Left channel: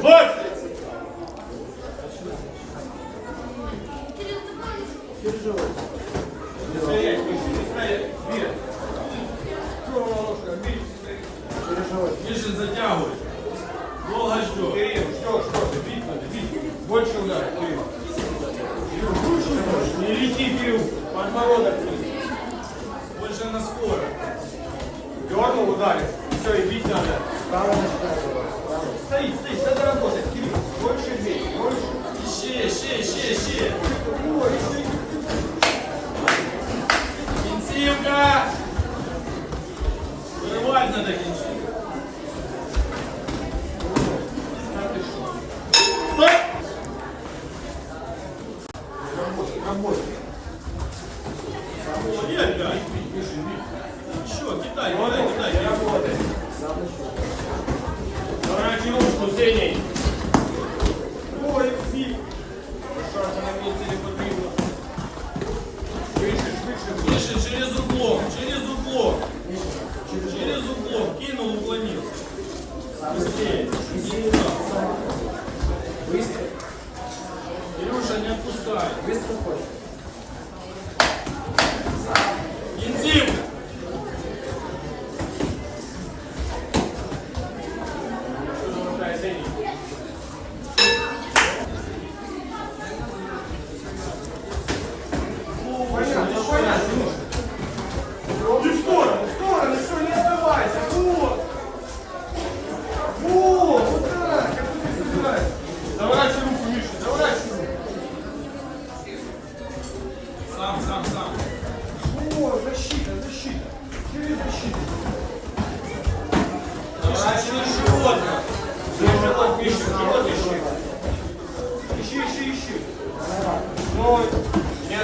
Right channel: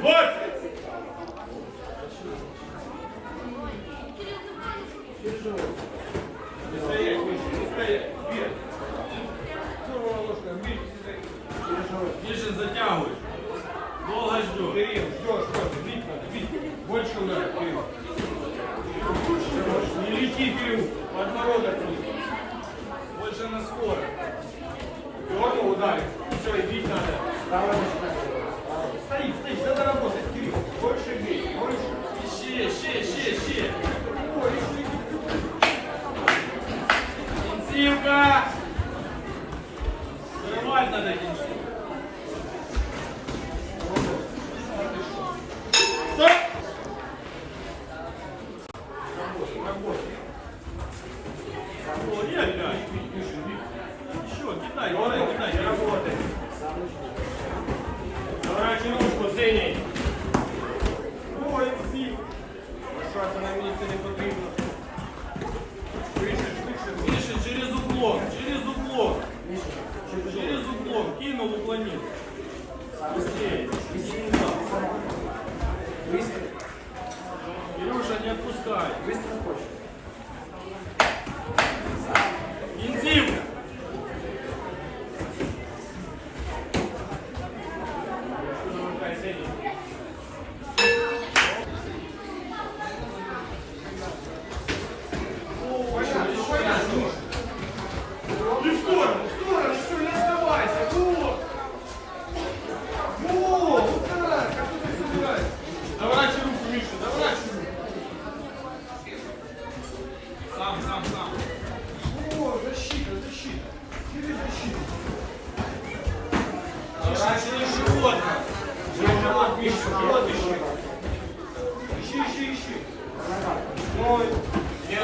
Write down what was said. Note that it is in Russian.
20. Стоять, выше, не стоять. Вверх. Здорово, ложка, бить. Ниже затягивай. Долго ждешь. Кирилл, ждешь, ждешь. Бить надо, бить. Больше удар, Кирилл. Не лети, Кирилл. Подбородок. Больше на скорость. Дернул, ударил. Все, и бить надо. Стоит, кидай, Вот кидай, он, кидай. не работает. Дурачи ручку, Зеней. Лишатися на місці не потрібно. Швидше, швидше. Тише, через углом, через углом. Через углом. Кинул, уклонил. Быстрее. Быстро, Илюша, не отпускай. быстро хочешь. Защита. Через защиту. Тише, через живот. Держи, вот, Миша, вот ищи. Ищи, ищи, ищи. Стой. Не